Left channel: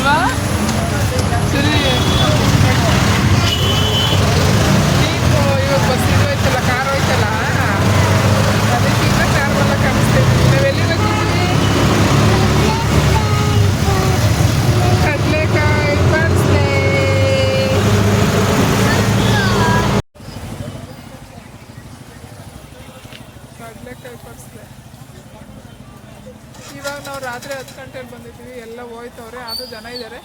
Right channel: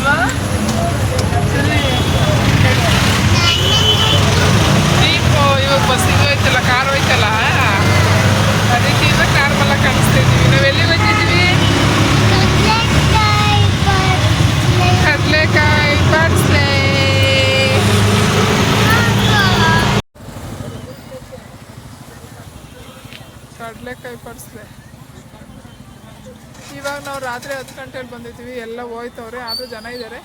ಅಲ್ವಾ ಜೀಪು ಇವಾಗ ಬಸ್ ಇದು ಹೋಯ್ತಲ್ಲ, ಕಾರ್ ಹೋಯ್ತಲ್ಲ, ಅದಕ್ಕೆ ಇನ್ನು ಕಾರ್ ಮೇಲೆ ಕಾಣಿಸ್ತಾ ಇದ್ದೀವಿ. ನಾವು ಎಲ್ಲಿ ಹೋಗ್ತಿದ್ದೀವಿ? ಕಡಲೆಕಾಯಿ ಪಡ್ಸ್ಲೆ. ಕಡಲೆಕಾಯಿ ಪಡ್ಸ್ಲೆ. ಇವಾಗ ನಾವು ರಾತ್ರಿ 10 ಗಂಟೆಗೆ ಬಂದಿದ್ದೀವಿ. ಎಲ್ಲ ಹೋಯ್ತವ್ರೆ, ಆದರೂ ಜನ ಇದ್ದಾರೆ.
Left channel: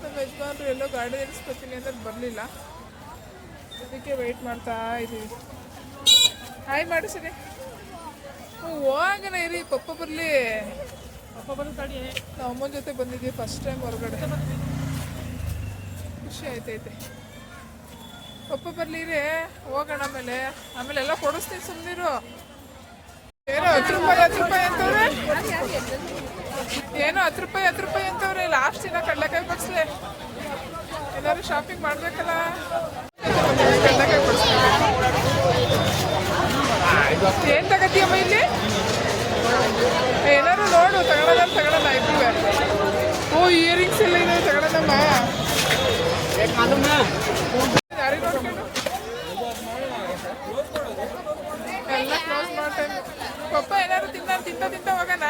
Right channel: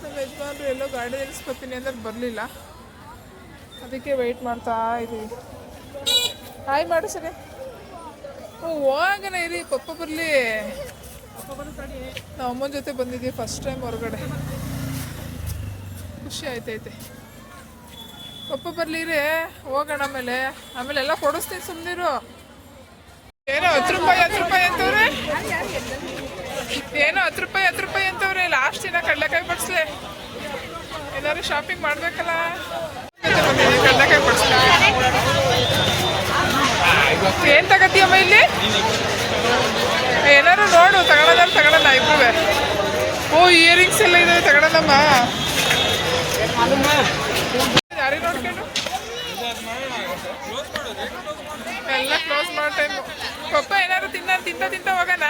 ನಮ್ಮ ಯಜಮಾನ್ರು ಎಲ್ಲೋ ಗಾಡಿ ಇಳಿಸ್ಕೊತೀನಿ ಅಂದ್ರೆ ಬರಲಿಲ್ಲ, ಅದಕ್ಕೆ ವೆಯ್ಟ್ ಮಾಡ್ತಾ ಇದ್ದೀವಿ. ಹಾಯ್ ಮಾಡು ಸರಿ. ಹೋಗಣ ಇರಿ, ಪಪ್ಪ ಬರಲಿ. ನಾವು ಅಮ್ಮನ ಜೊತೆ ಬಂದಿದ್ದೀವಿ ಫಸ್ಟ್ ಟೈಮ್ ಹೊರಗಡೆ. ಖುಷಿ ಆಯ್ತೈತೆ. ಪಪ್ಪ ಬರಲಿ ರೀ, ಹೋಗೋಣ. ಆಮೇಲೆ ಎಲ್ಲ ಕೊಡಿಸ್ತೀನಿ, ಸುಮ್ಮನಿರು. ಏನೋ 10 ರೂಪಾಯಿ ಅಂತವ್ರೆ, ಏನೋ 10 ರೂಪಾಯಿ ಅಂತವ್ರೆ. ಲಾಸ್ಟ್ ದಿನ ಕಡಲೆಕಾಯಿ ಪಡ್ಸ್ಲೆ. ಎಲ್ಲರೂ ಶಾಪಿಂಗ್ ಮಾಡ್ಬೇಕಲ್ಲ, ಕಡಲೆಕಾಯಿ ಪಡ್ಸ್ಲೆ. ಏನ್ ತಗತ್ತೀಯಮ್ಮ ಇಲ್ಲಿ? ಏನಾರು ನೋಡು, ತಗೊಳ್ಳೋಣ ಇಬ್ರುವೆ. ಓ, ಇಯರಿಂಗ್ಸ್ ಎಲ್ಲ ಇದಾವೆ, ತಗೊಳ್ಳೋಣಮ್ಮ. ಯಾರಿಗೆ ನೋಡ್ಕೊಂಡು ಎಲ್ಲ ಕ್ಲೋಸ್ ಮಾಡೋ ಟೈಮು. ಪಪ್ಪ ಏನಾದ್ರು ತಿಂತ ಹೋಗೋಣ.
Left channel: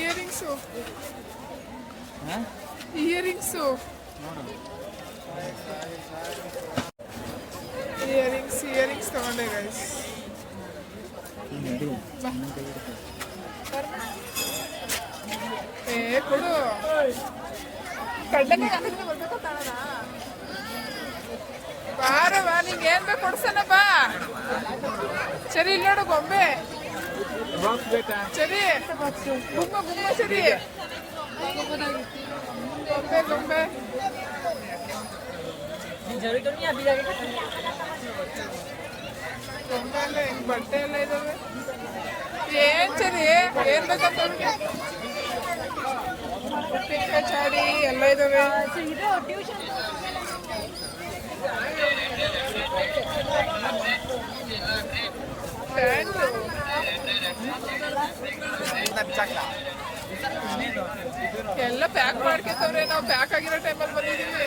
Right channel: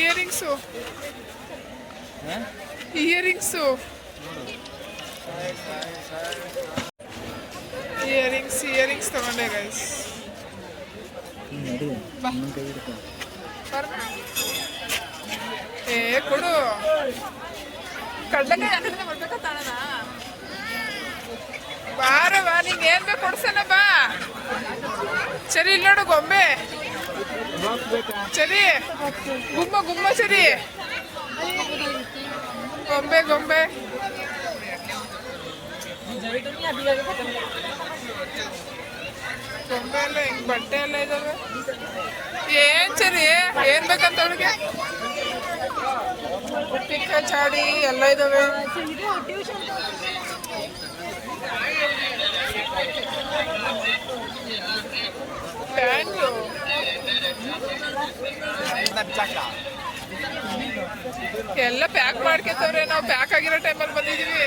ಇಯರಿಂಗ್ಸು ಇಯರಿಂಗ್ಸ್ ತಗೊಂಡೆ ಗೈಸ್. ಕೊಡು. ಕಡಲೆಕಾಯಿ ಹಾಕಿದ್ರೆ ಬರ್ಬೇಕಾ ತಾಳನ? ಬಾರವಾ, ನಿಂಗೆ ಏನ್ ಬೇಕು ಕೊಡ್ಸಣ ಬಾ. ಸರಿ, ಇಲ್ಲಿ ನೋಡು ಗೊಂಬೆ. ಸರಿ, ಗುಮ್ಮ ಸರಿ. ಗೊಂಬೆ ಎಲ್ಲ ಹೆಂಗ್ ಬಟ್ಟೆ ಎಲ್ಲ ಇದಾವೆ. ಏನ್ ಸರಿ, ಏನ್ ಬೇಕಂತ ಅವ್ರಿಗೆ? ಉಪ್ಪಿನ ಚಾಡಿ ಎಲ್ಲ ಇದಾವೆ. ಪ್ಯಾಂಟು ಎಲ್ಲ ಪ್ಯಾಕ್ ಮಾಡ್ಕೊತವ್ರೆ. ನಾವು ಪ್ಯಾಕ್ ಆಗಿರೋ ಟೈಮಲ್ಲಿ ಬಂದಿದ್ದೀವಿ.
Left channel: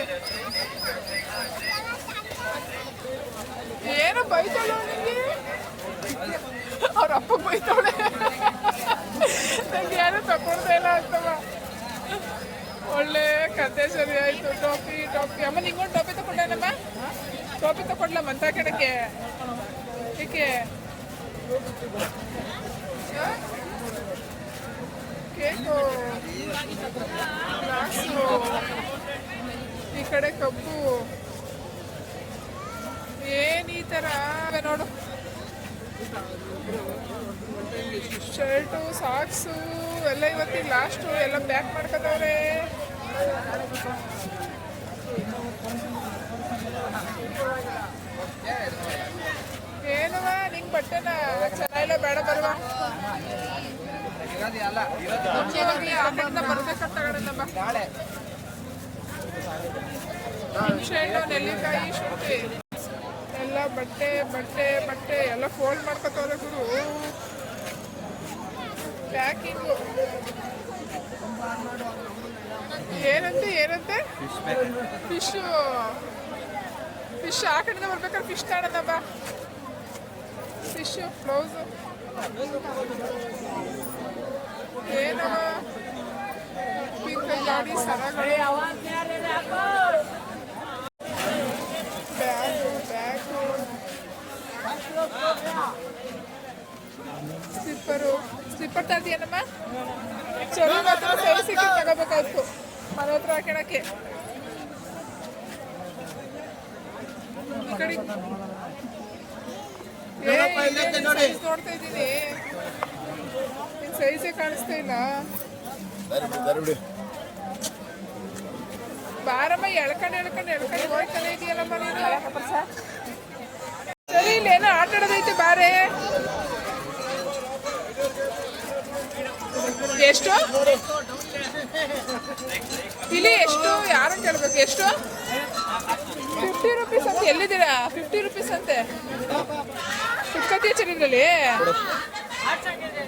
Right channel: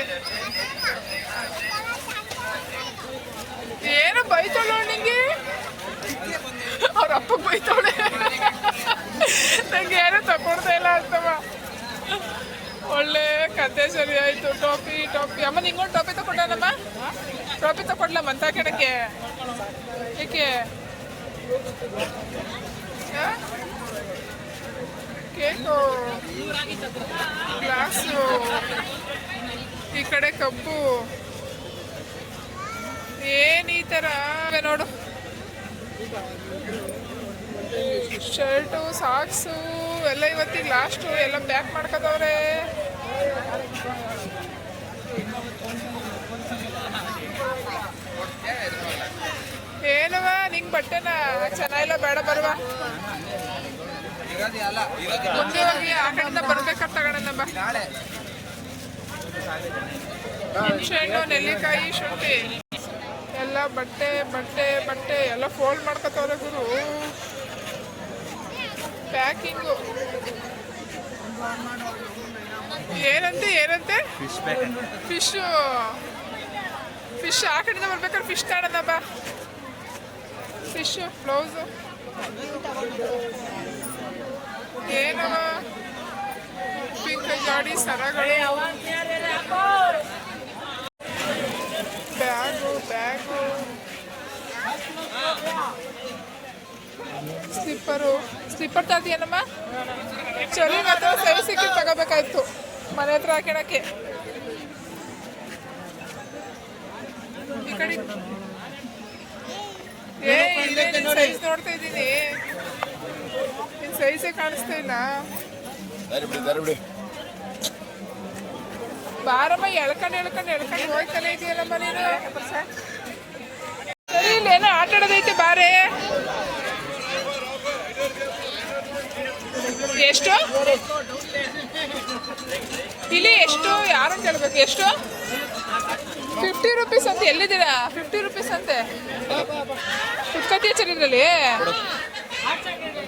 ಏನೋ ಬೈತಾಳೆ ನಿಂಗೆ, ಅವ್ರ ಅಪ್ಪ ಬೈತಾಳೆ. ನಂಗೆ ಯಾರು ತಗೊಳ್ತಾ ಇಲ್ಲ ಅಂತವ. ಒಳ್ಳೆ ಕತೆ ಸರಿ ಆಯ್ತು. ಟೋಪಿ ಅಮ್ಮ, ನಿಂಗೊಂದು ಟೋಪಿ ತಗೊಂಡನಮ್ಮ. ಟೋಪಿ ತಗೊಡ್ಲಮ್ಮ ಅಂತ ಕೆಡಕ್ಕೆ. ಏಕೆ ಕೇಕು, ಗ್ಲಾಸು, ಈ ಕಡೆ ಕಬ್ಬು. ಏನ್ ಈ ಥರ ನೋಡು. ಶರ್ಟು, ಸಾಕ್ಸು ಎಲ್ಲ ಇವತ್ತಿಗೆ ಲಾಸ್ಟು. ಎಲ್ಲ ಪ್ಯಾಕ್ ಮಾಡ್ಕೋತವ್ರೆ. ಏನವ ನಿಂಗೆ ಬಟ್ಟೆನ ಚೆನ್ನಾಗಿಲ್ಲ, ಬೇಡ ಬರುವ. ಆ ಕಡೆಯಿಂದ ಬರ್ಬೇಕಂತ ತಗೊಂಡೆ ಬಾ. ಹುಣಸೆಹಣ್ಣು, ನೆಲ್ಲಿಕಾಯಿ, ಶುಂಠಿ ಎಲ್ಲ ಬಟ್ಟೆ ಎಲ್ಲ ಫೋಲ್ಡ್ ಮಾಡ್ಕೊತವ್ರೆ ಗುರು. ಪ್ಯಾಕಿಂಗು ಏನಂತೆ ಫಿಶ್ ಆ ಕಡೆಯಿಂದ ಬರ್ಬೇಕಾದ್ರೆ ಫಿಶ್ ತಗೊಳ್ಳೋಣ ಬಾ. ಫಿಶು, ಬ್ಲೌಸು, ಏನವ ಪಿಂಕ್ ಜಾಡಿ ಸರಗಳು, ಬ್ಯಾಗು, ಸ್ಲಿಪ್ಪರ್ ತರ್ತೀಯನಮ್ಮ. ಚಲೋ ಮಾತ್ರ ಸೈಜ್ ಸಿಕ್ಕಿ ತಗೋಬೇಕಾಯ್ತು ಮನೆ ಹತ್ರ ಹಾಕೋಣಕ್ಕೆ. ಈ ಕಡೆ ಸೈಜ್ ನೋಡ್ತಾ ಇದ್ದೀನಿ, ನಿನ್ ಸೈಜೇ ಕಾಣಿಸ್ತಾ ಇಲ್ಲ. ಬಾರಮ್ಮ, ಎಳ್ಕೊಂಡು ಹೋಗ್ತಾನೆ ಇದೆಯಲ್ಲಮ್ಮ ನೀನು. ಸರಿ, ಇಲ್ಲೇನೋ ಆಟ ಆಡೋದೈತೆ, ಬಾರೇ. ಎಷ್ಟು ಇಲ್ಲಿ? ಎಷ್ಟು ಯಾರು ಕೇಳ್ಬೇಕು? ಎಷ್ಟು? 50 ರೂಪೀಸ್ ಅಂತ. ಎಲ್ಲಿದ್ದೀರಾ? 50 ರೂಪೀಸ್ ಅಂತೆ. ಕುತ್ಕತಿಯ ಚರಿದ್ರಲ್ಲಿ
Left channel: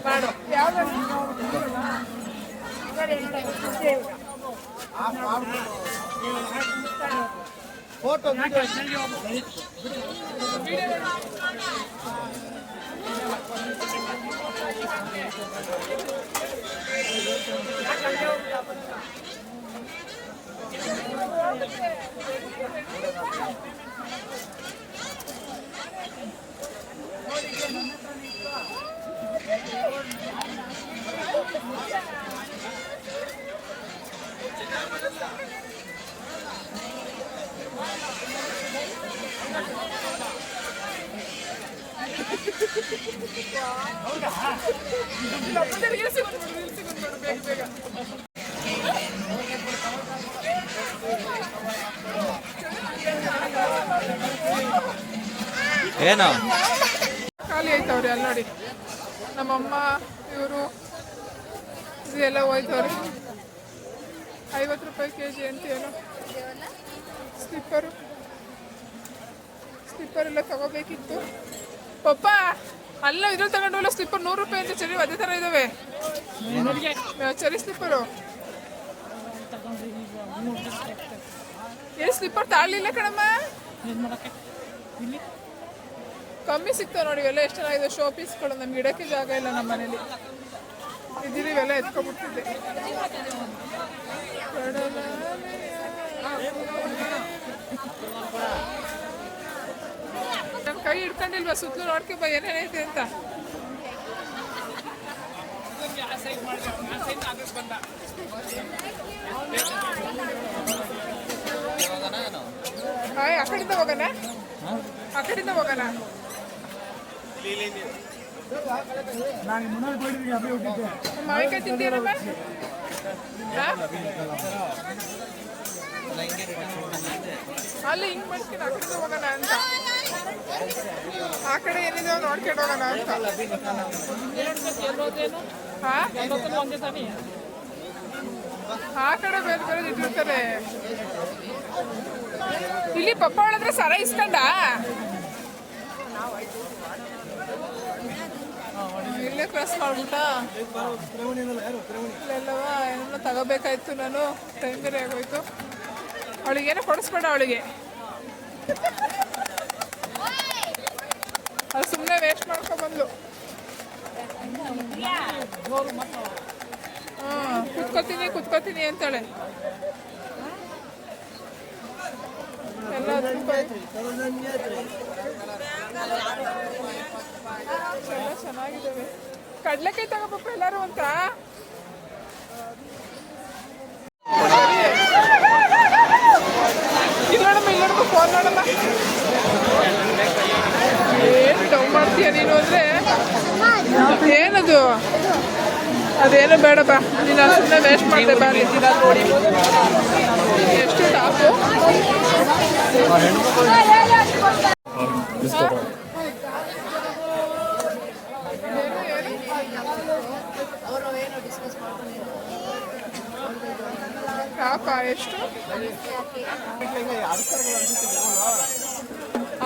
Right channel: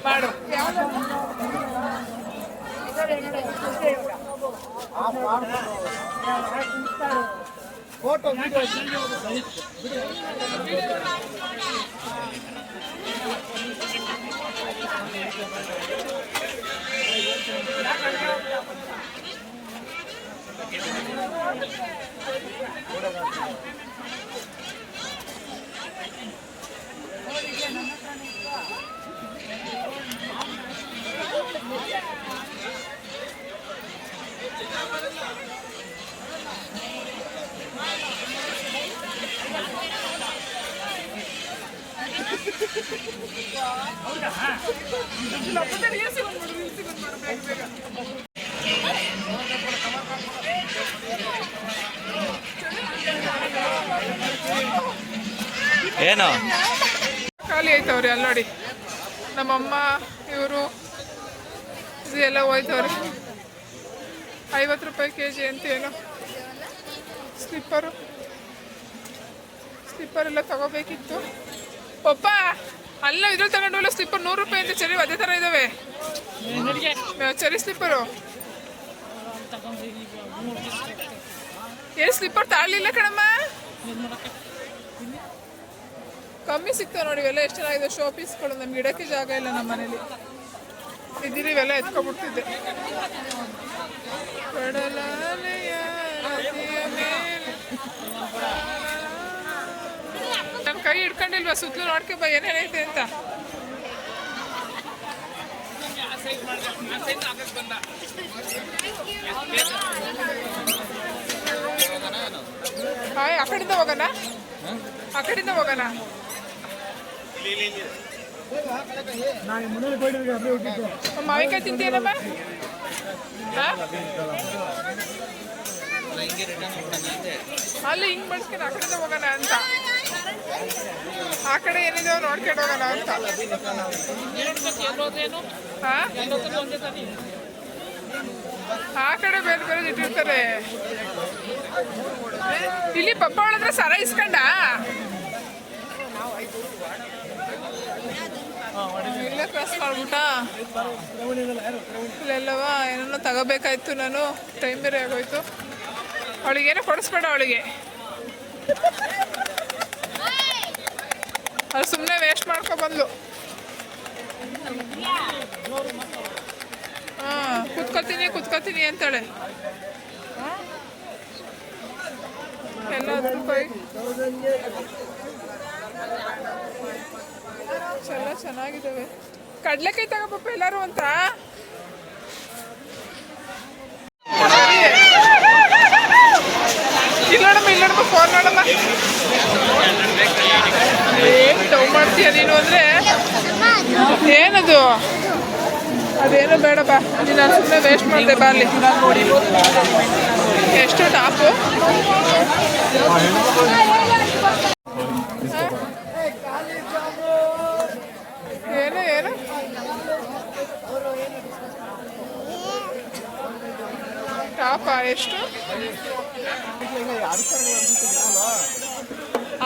ಮಾಡು. ಫೋಟೋ ಏನು ಖಾಲಿ ಆಯ್ತವ್ರಿ ಅಲ್ಲಿ ನೋಡಿ. ನಮ್ಮಮ್ಮ ಇವರು ಎಲ್ಲ ಹೋಯ್ತವ್ರಿ. 50 ರೂಪಾಯಿ kg ಅಂತ ಏನು ಸ್ಲಿಪ್ಪರ್ ಎಲ್ಲ ತಗೋಬೇಕಿತ್ತು. ಪಪ್ಪ ಅಲ್ಲ ಇದ್ರಲ್ಲಿ ತಗೊಂಡು ಸ್ಲಿಪ್ಪರ್ 100 ರೂಪಾಯಿ ಅಂತ. ಚರಿ ಅದೇ ಥರ ಇದ್ದಾವೆ ಚರಿ ಸ್ಲಿಪ್ಪರು. ಏನು ಸ್ಲಿಪ್ಪರ್ ತಾಳಲಿಲ್ಲ ಕಣಮ್ಮ, ಕಮ್ಮಿ ಸಿಗ್ತಾವೆ ನೋಡಿ. ಇವೆಲ್ಲ ಎಷ್ಟು ಚೆನ್ನಾಗಿದೆ ಶೋ ಪೀಸ್ಗಳು. ನಮ್ಗೆ ಇಡೋಕ್ಕೆ ಜಾಗ ಇಲ್ಲ ನಮ್ಮ ಮನೇಲಿ. ಇದ್ದೀರಿ ಇವೆಲ್ಲ ಎತ್ಕೊಬಿಡ್ತಿದ್ದೆ. ನನ್ನ ಕೈ ಹಿಡ್ಕೊಂಡಿಲ್ವಾ ಸುತ್ತಲೂ ನೋಡ್ಕೆ ಬಾ ಏನೇನೈತೆ ಅಂತ. ಹಾಯ್, ಆ ಕಡೆಯಿಂದ ಹೋಗೋಣ, ಆ ಕಡೆಯಿಂದ ಹೋಗೋಣ. ಮಾವಿನಕಾಯಿ ತಿಂತೀರಲ್ಲ, ಅಲ್ಲಿ ಹಿಂಗ್ ಮಾಡ್ತೀನಿ ಆ ಕಡೆಯಿಂದ ಹೋಗೋಣ ಅಂತ. ಆ ಕಡೆ ಏನಿದಾವೆ ನೋಡ್ಕೊಂಡು ಹೋಗೋಣ ಅಂತ. ಆ ಕಡೆ ಬೇರೆ ಬೇರೆ ಇಟ್ಟಿರ್ತಾರೆ. ಇಲ್ಲಿ ಪಪ್ಪ ಒಳದ್ರೆ ಸರ ಇಸ್ಕೊಂಡ ಇಲ್ಲ ಕ್ರಾಸ್ ಮಾಡ್ಬಿಟ್ಟ. ಇಲ್ಲೆಲ್ಲವ ಏನೋ ತಗೋಬೇಕಾಯ್ತು ನಾನು. ಟೈಮ್ ಬೇರೆ ಆಗೋಯ್ತು. ಅವಳಿಗೇನೋ ಕೊಡಿಸ್ಬೇಡ ಅವಳಿಗೆ. ಅದು ಸುಮ್ಮನೆ ವೇಸ್ಟ್ ಮಾಡ್ಕೊಬಂದ್ಲು. ಹಾಂ, ಕುತ್ಕೋತೀನಿ ಅಂತಾಳೆ. ಎಲ್ಲ 10 ರೂಪಾಯಿ ಎಲ್ಲ ಚೆನ್ನಾಗಿದ್ದಾವೆ. ಕಡ್ಲೆಕಾಯಿ ತಗೋಬೇಕು ಎಲ್ಲರೂ ಅಂತ. ಇಲ್ಲೋಡಮ್ಮ ಫೋನ್ ನೋಡಮ್ಮ. ಏನು ಡೌ ಮಾಡ್ತೀಯ ನೀನು ಅಂದರೆ ಏನದು? ಅದೇನು ಬೇಡ ಬಾ, ನೀನು ಸುಮ್ಮನೆ ವೇಸ್ಟ್ ಮಾಡಿದೆ. ಬಾ ಅಲ್ಲಿ ಎಷ್ಟು ಟಾಪು. ಏನು ಏನು ಟಾಪ ಎಷ್ಟು?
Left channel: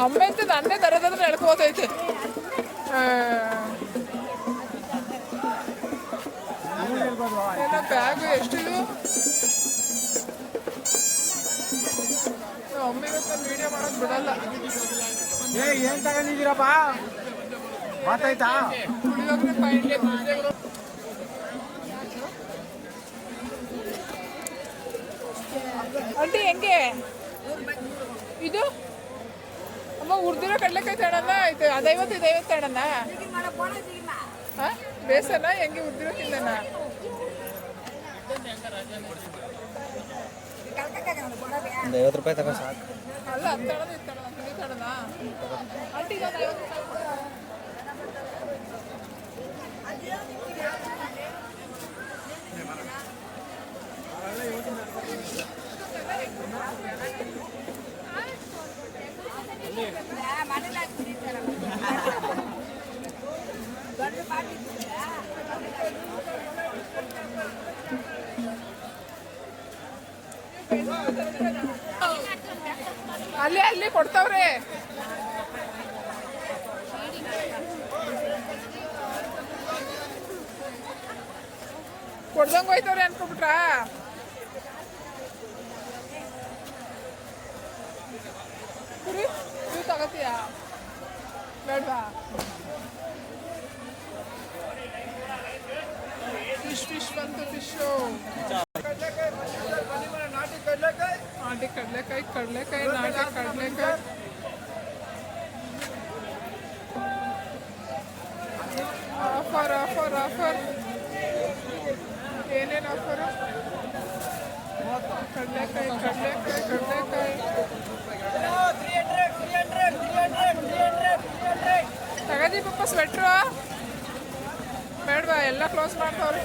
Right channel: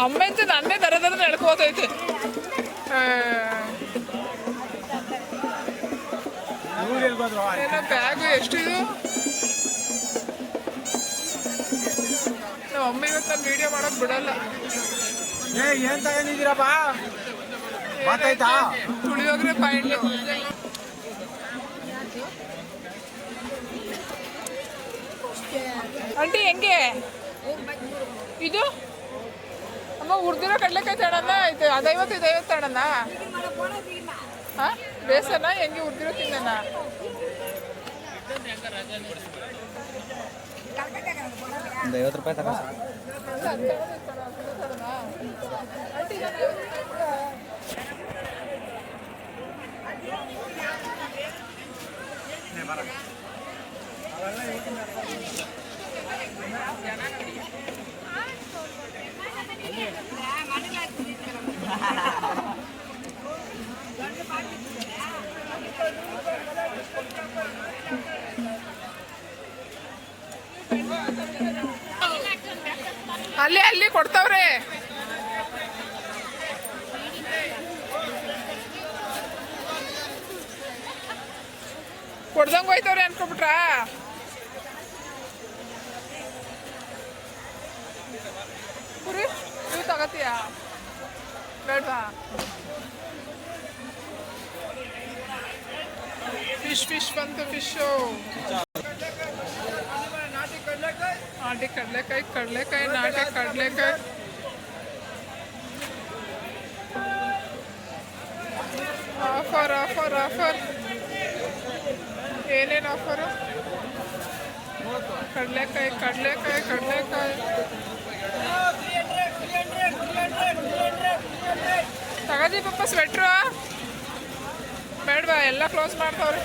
ಅಮ್ಮ ಅಂತ ನನ್ನೇ ದರ ನಡ್ಕೋತೈತೆ. ಏನೋ ಬ್ಯಾಗು ಎಷ್ಟಿದು? ನಮ್ಮ ಅಮ್ಮ ಇವತ್ತು ನಾನು ವಿಡಿಯೋ ಮಾಡಕ್ ಬಿಡಲ್ಲ. ಏನ್ ತಗೊಂಡಿದ್ದೀರಪ್ಪ? ಮಾತಾಯ್ತಾ? ಪುಳಿಯೋಗರೆ ಪಾಯಿಂಟ್ ಆಂಟಿ ಹೆಂಗೆ ಇದು? ಅಮ್ಮ ಹುರಿದಿರೋ ಕಡಲೆಕಾಯಿ ತಗೋಣ ಐತೆ. ಅದು 50 ಇದು 50 ತಗೋಣ. ಹಾಂ, ಬೇಸನ ಹೆಂಗೆ ಹುರಿದಿರೋ ತಿನ್ನೋಣ? ಒಂದು 50 ರೂಪಾಯಿ ತಗೋ ಸಾಕು. ಆಂಟಿ ಇದು 50 ರೂಪಾಯಿ ಕೊಡು. ಅಲ್ಲಿ ಕೊಡ್ತಾವ್ರೆ. ಕೊಡ್ದಂಗೆ ಹೋಯ್ತವ್ರೆ ಅನ್ಕೊಬಿಟ್ರಾ? ಕುರಿ ನೀವು ತಗೋತೀಯಾ ಬೇಡವಾ? ಫಿಶ್ ಬಂತು. ಫಿಶು ನಾಟಿ ಕಡಲೆಕಾಯಿ ನಾಟಿ ಕಡಲೆಕಾಯಿ. ಆಫರ್ ಏನೇನು ಆಫರು? ಕಡಲೆಕಾಯಿ ತಗದಿ ಪಪ್ಪ. ಸ್ವೆಟ್ರು ಬೇಡವಾ? ಎಲ್ಲ ಕ್ಲೋಸ್ ಮಾಡ್ತಾವ್ರೆ.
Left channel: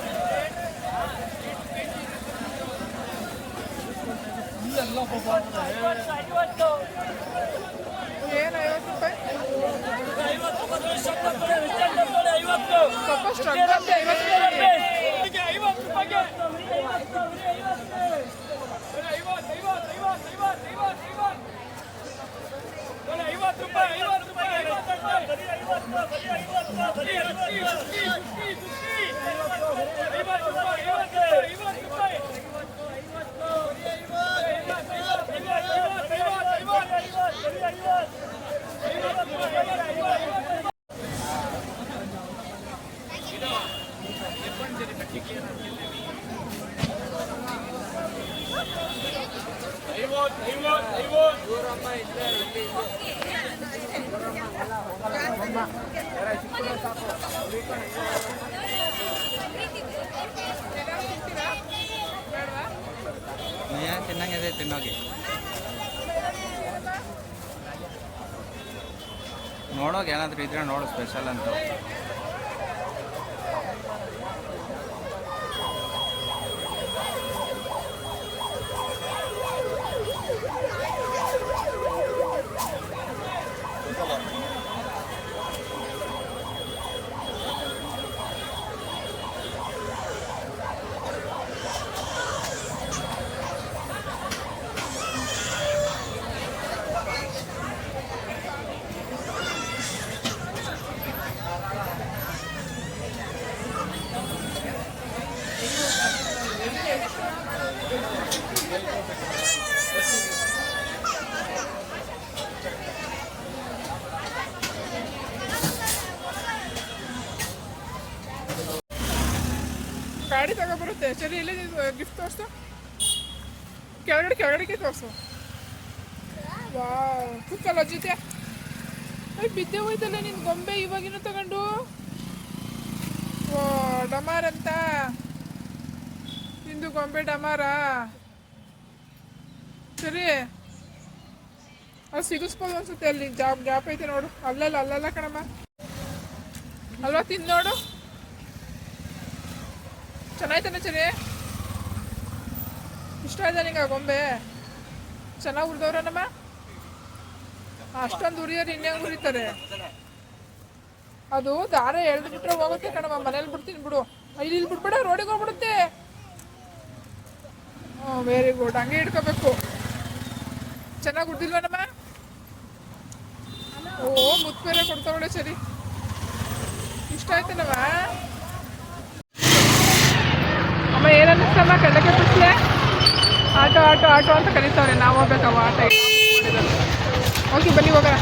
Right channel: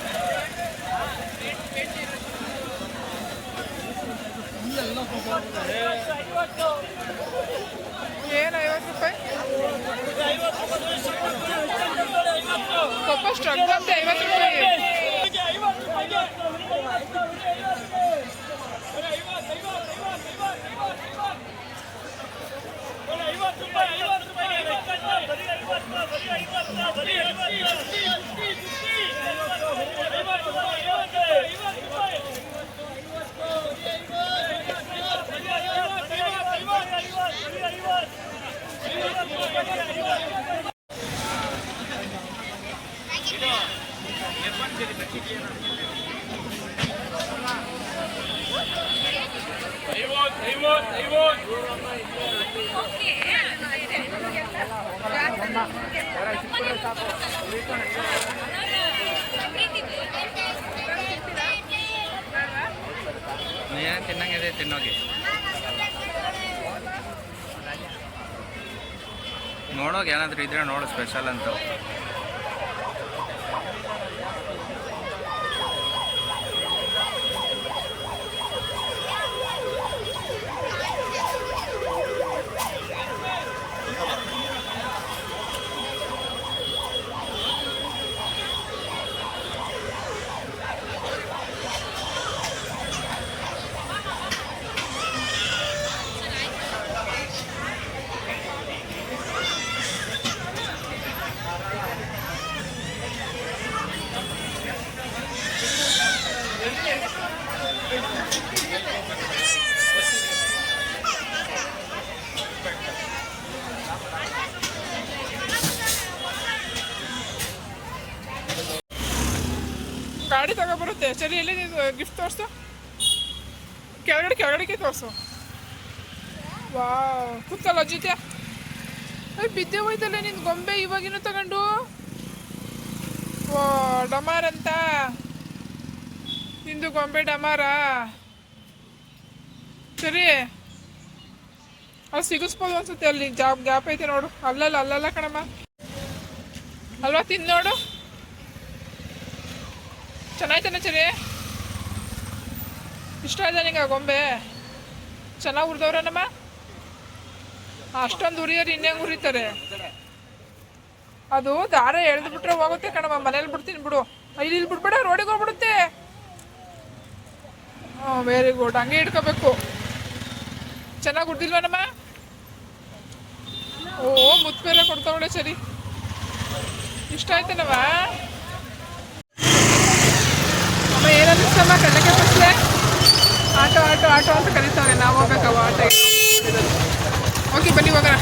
ಏನು 50 ರೂಪಾಯಿ ಪಪ್ಪ? ಸ್ಟ್ರಗ್ ಅಂತೆ 50 ರೂಪಾಯಿ. ತಿನ್ನಂಗಿದೆ ತಿನ್ನೋಗಿ ನೋಡೋಕೆ ಏನಾದರೂ ಇದ್ರೆ ನೋಡು ಸ್ಪೆಷಲ್ ಅಂತ. ಗಾಡಿ ತಗೊಬರುತ್ತೆ. ಸರಿ, ಎಲ್ಲಿ ಗಿಫ್ಟ್ ತೋರಿಸು. ಕೆಳಗಡೆಗೆ ತೋರಿಸು. ವಾ, ಕೂತ್ಕಲ್ಲ ಜೊತೆ. ಬಿದ್ದೆ ಹೋಯ್ತಲ್ಲ ನಿನ್ ಗೊಂಬೆ ಇವಾಗಿನೂ ತಗೊಂಡು. ವಾ, ಡಮಾರ್ ಅಂತ ನಿಂದು ಗೊಂಬೆ ಡಮಾರ. ಸರಿ, ಅದು ಸಿಗಿಸ್ಬೋದು ಅನ್ಸುತ್ತೆ. ಅಲ್ಲಿ ಗ್ಯಾಪ್ ಐತೆ ನೋಡು. ಅಲ್ಲಲ್ಲ ಕಣಮ್ಮ, ಅಲ್ವಾ? ತಿಂದು ನೋಡು. ಚೆನ್ನಾಯ್ತಾನೆ ಸರಿ? ಇಷ್ಟ ಆಯ್ತಾ ನಿಂಗೆ ಆ ಗೊಂಬೆ? ಚೆನ್ನಾಗಿ ಉರಿದವ್ರನಮ್ಮ. ಅಷ್ಟೊಂದು ಉರಿಯೋರು ಇನ್ನೇಂಗೆ ಉರಿತಾರೆ? ಅದು ದಾರ ಎಳ್ದುಬಿಟ್ರೆ ಹೋಗುತ್ತೆ ಕಣಮ್ಮ. ಮನೇಲಿ ಬಿಡ್ತೀನಿ ಬಿಡು. ಇಲ್ಲಿ ಬಿಡ್ಬೇಡ, ರೋಡಿಗೆ ಹೋಗ್ಬಿಡುತ್ತೆ. ವೆರಿ ಗುಡ್, ಹಂಗೆ ಇಟ್ಕೋಬೇಕು. ಚೆನ್ನಾಗಿ ಉಡ್ದಿಲ್ವನಮ್ಮ? ಓ, ಮುತ್ತು ಬೇರೆ ಕೊಡ್ತಾವಳೆ. ಸರಿ, ಇಷ್ಟ ಆಯ್ತೇನವ? ಅಮ್ಮ ಏನನ್ನಿಸ್ತಮ್ಮ? ಕಡಲೆಕಾಯಿ ಪಸ್ಲೆ ಆಟೋ ಅಂತ ಕಲಿತಾವ್ರೆ. ನಾವು ಹೋಗ್ಬೇಕವ ಆಟ. ಓಕೆ, ಬನ್ನಿ ಹೋಗೋಣ.